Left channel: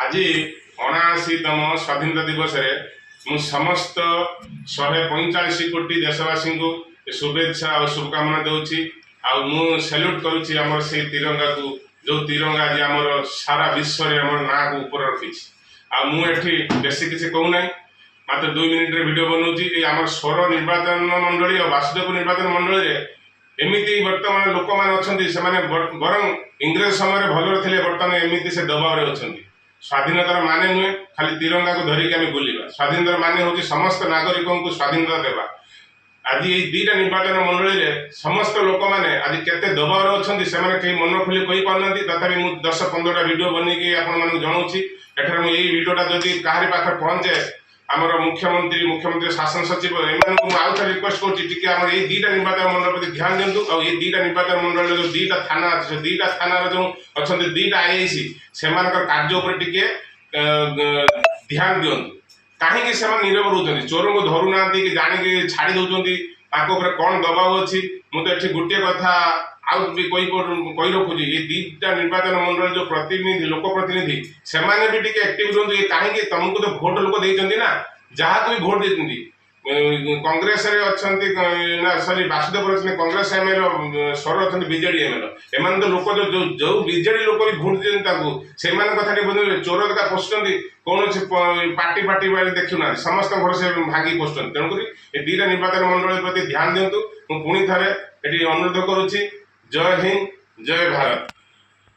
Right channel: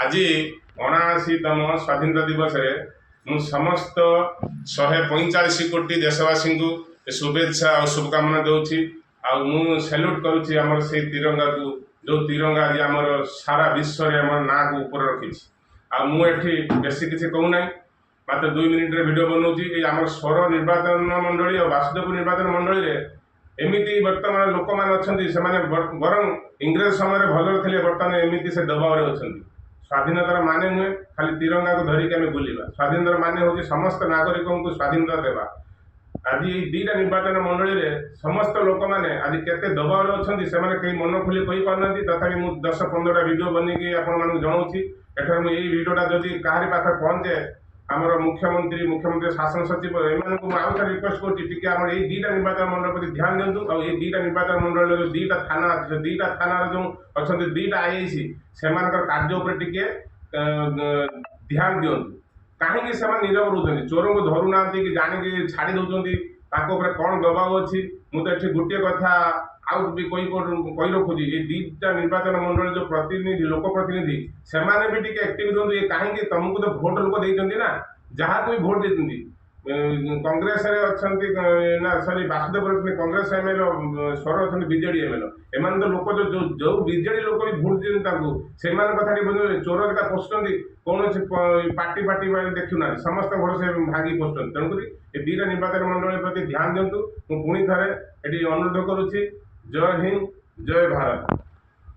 आज 79तम स्वाधीनता दिवस रे मु समस्त 145 कोटी देशवासी को शुभेच्छा और शुभकामना दूची मु सैल्यूट करुच्ची आमर से तिरंगा को जो तिरंगा आज आमर सारा विश्व रे आमर ना को ऊपर रखी मुझे बेसी किसी कहूना मात्र 2 मिनिट रे वीडियो बनाऊँगी आमर स्वर निर्वाचन मंडली और वासुदेव निर्वाचन मंडली रे एमती बर्तमान लोक मैंने बरं इंग्रेज समय भल थे बर्तमान एमती से दबाव अच्छा स्वाधीनतार माने नुहे खाली तिरंगा को धरिकी आम बुलवा स्वाधीनतार माने हूँ समस्त नागरिकों को स्वाधीनता देवा आज ये 2टा निर्वाचन मंडली रे समस्त लोक मैंने आज केते दबाव अच्छा से कहीं मन खोली कही पाना तथापि मुझे 10-15टा वीडियो बनईकि आपण जनाऊँगी एठार मुझे वीडियोटा जदि कहारी पाखे पहुँचे आमर मुख्यमंत्री शासन सचिव एम आउ थे रिक्वेस्ट कर 2टा निर्वाचन मंडल प्रति ध्यान दिंतु और ये 2टा निर्वाचन मंडल जो 2टा थाना अच्छे 2टा थाना जो अच्छा 2टा आईआईसी से कार्य उपर टिके ध्यान दिंतु कहीं नीरव रोच चोर को धरू ना कि जाणी छाड़ी दौरान कौन दबाव अच्छी मुझे ये गोटे कथा आउ भी कही रखुची ये 2टा निर्वाचन मंडल जो प्रतिनिधि लोक प्रतिनिधि से भी टिके एक्टिव रुहतु ये कहीं तुमको तो भोट लोक देते ना जहाँ तुम भोट देते कांग्रेस अच्छा सॉरी वासुदेव अच्छे कांग्रेस एमएल स्वर अच्छा बीजेडी एमएल एम तो लोक जो बीजेडी लोक भी भोट देते से कथा चोर का पोषुंट कौन पार्टी पार्टी देखुना समस्त घर से भांगी पोषुंट तेणुक ये 2टा निर्वाचन मंडल प्रति ध्यान दिंतु पुणी थे ये अनुरोध करुच्ची जय हिंद जय भारत।